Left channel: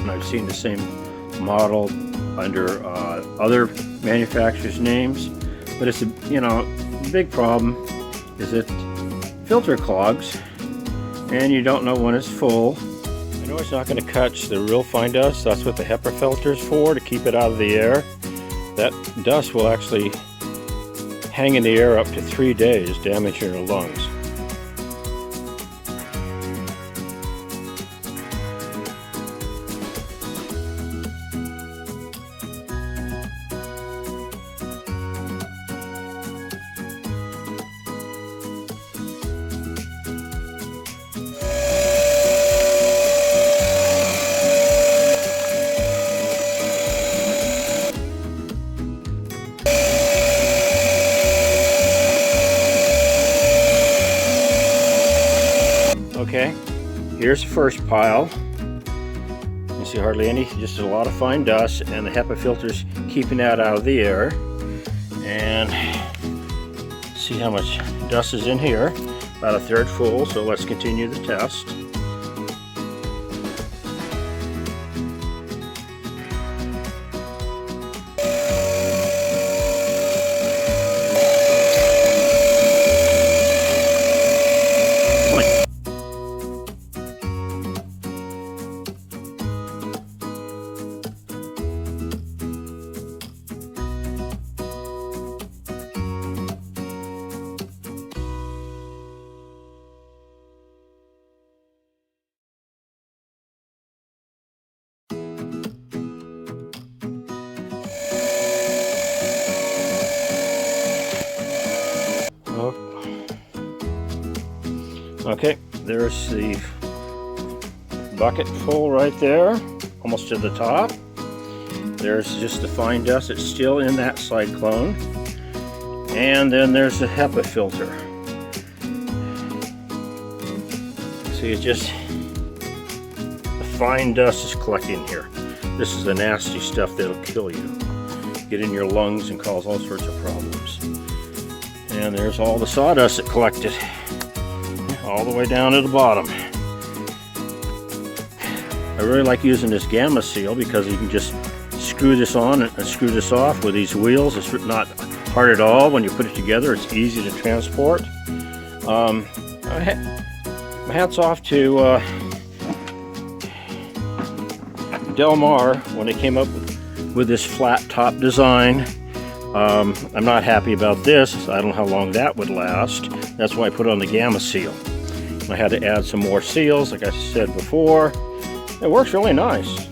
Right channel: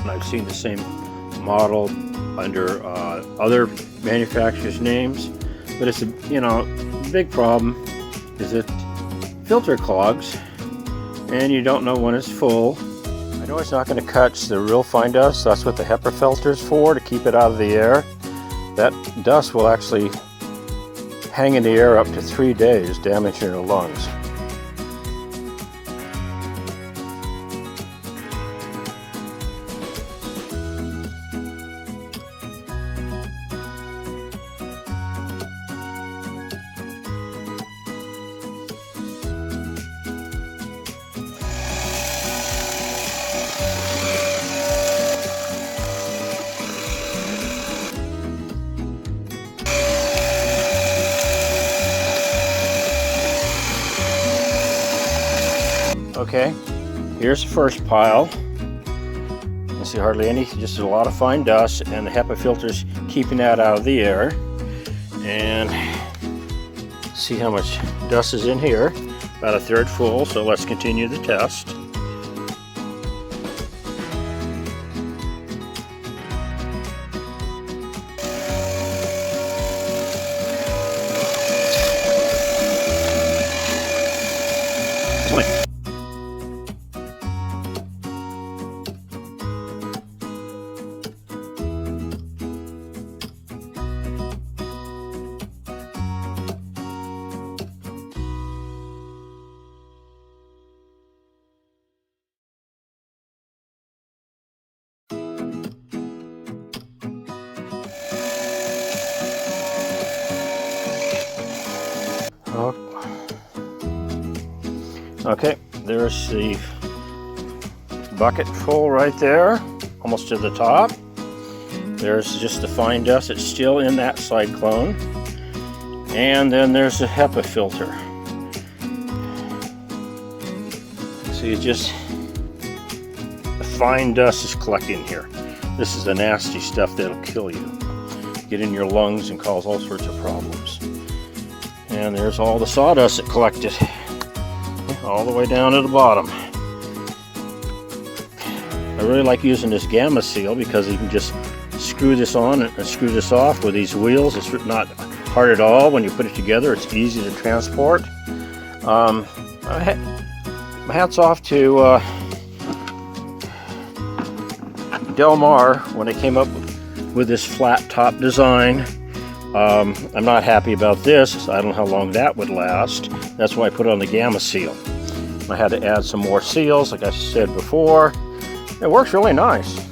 and I've seen the same model under other manufacturers' names, but it's a, you know, big problem is it filter clogs and you don't know when it's full. I know it's not going to catch the real fine dust. That's what the HEPA filter is for, to keep it out of the air. That dust will actually hang in the air up to 3 days, damaging your lungs. Okay, here's the first pile. You can see hardly any, just a lot of fine dust, and the HEPA filter's keeping that out of the air. And see how much dust is in here, about a third full, so let's continue the test. Okay, there's the bucket full right there, almost to the top. There's just the fine dust that's still in that cyclone. And then there's the HEPA filter. See, it's just the fine dust is collecting here. This is the nasty stuff that'll kill you. Get in your lungs and cause all sorts of problems. And there's all the sawdust that collected all the way down to the bottom. I really like using this gamma seal because you can just screw this on and screw this off with these wheels. It's not hard at all when you put it together. It's easy to transport. My hat's off to Delmar when they came up with this flat top design. I'm not happy about this. I don't know how long that would last. That's why I put on the gamma seal. I had to add some more seals, like I said before. It works really nice.